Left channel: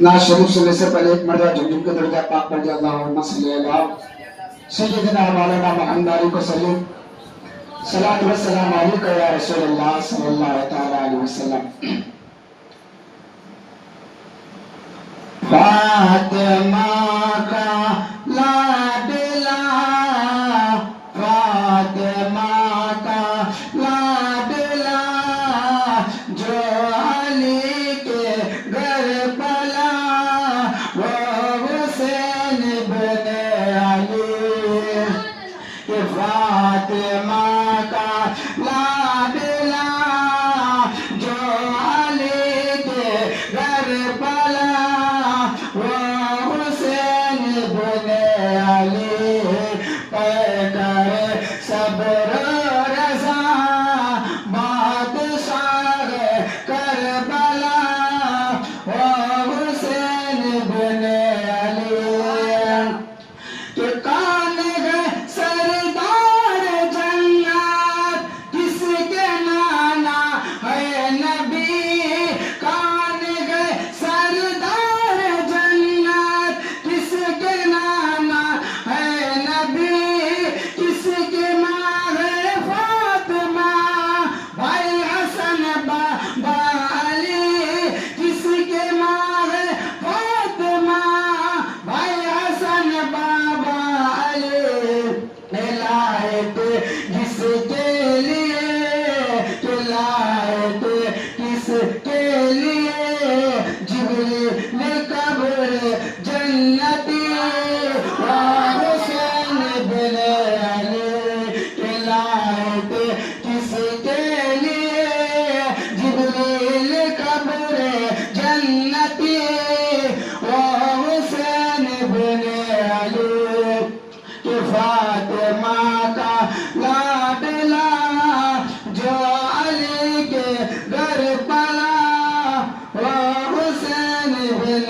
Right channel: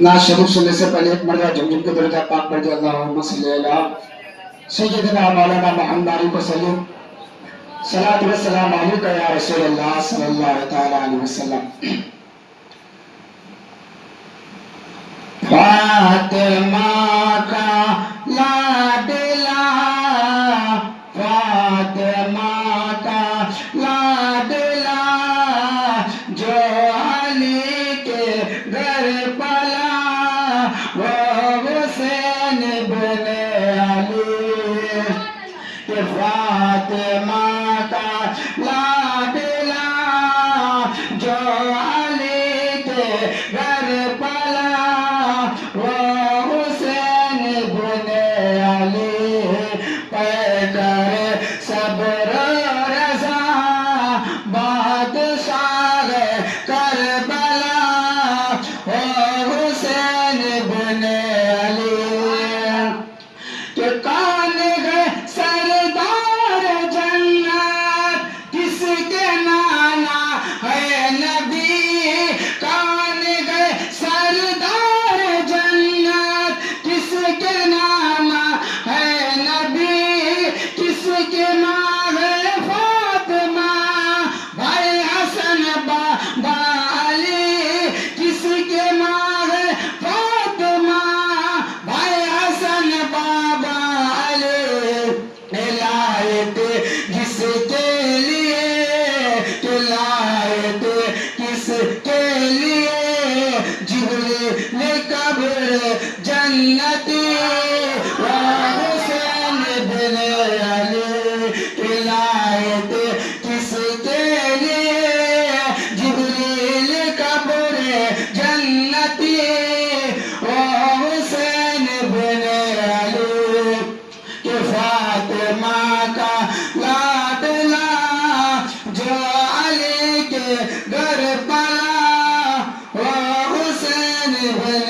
नाज शरीफ सुनने से पहले एक मर्तबा झुमझुम के दर्जा पाक पर अल्लाहुम्मा सल्ली अला सय्यिदना मौलाना मुहम्मद को सल्लु सलातु व सलाम अलैका या रसूलल्लाह सल्लल्लाहु तआला अलैहि वसल्लम। फातिमा का लाडला, फातिमा का लाडला, जो अली के घर पला, वो हुसैन बिन अली। कि फातिमा का लाडला, जो अली के घर पला, वो हुसैन बिन अली। पैकर सब्र रज़ा, बादशाह करबला, वो हुसैन बिन अली। कि कान गए सरदार जन्नत, किसके नाना है नबी। कान गए सरदार जन्नत, किसके नाना है नबी। किसके माँ है फातिमा, भाई हसन बाबा अली। किसके माँ है फातिमा, भाई हसन बाबा अली। लायत जिसके लिए, लायत किसके लिए, जिब्रील कब्र जन्नती, वो हुसैन बिन अली। लायत किसके लिए, जिब्रील कब्र जन्नती, वो हुसैन बिन अली। कि फातिमा का लाडला, जो अली के घर पला, वो हुसैन बिन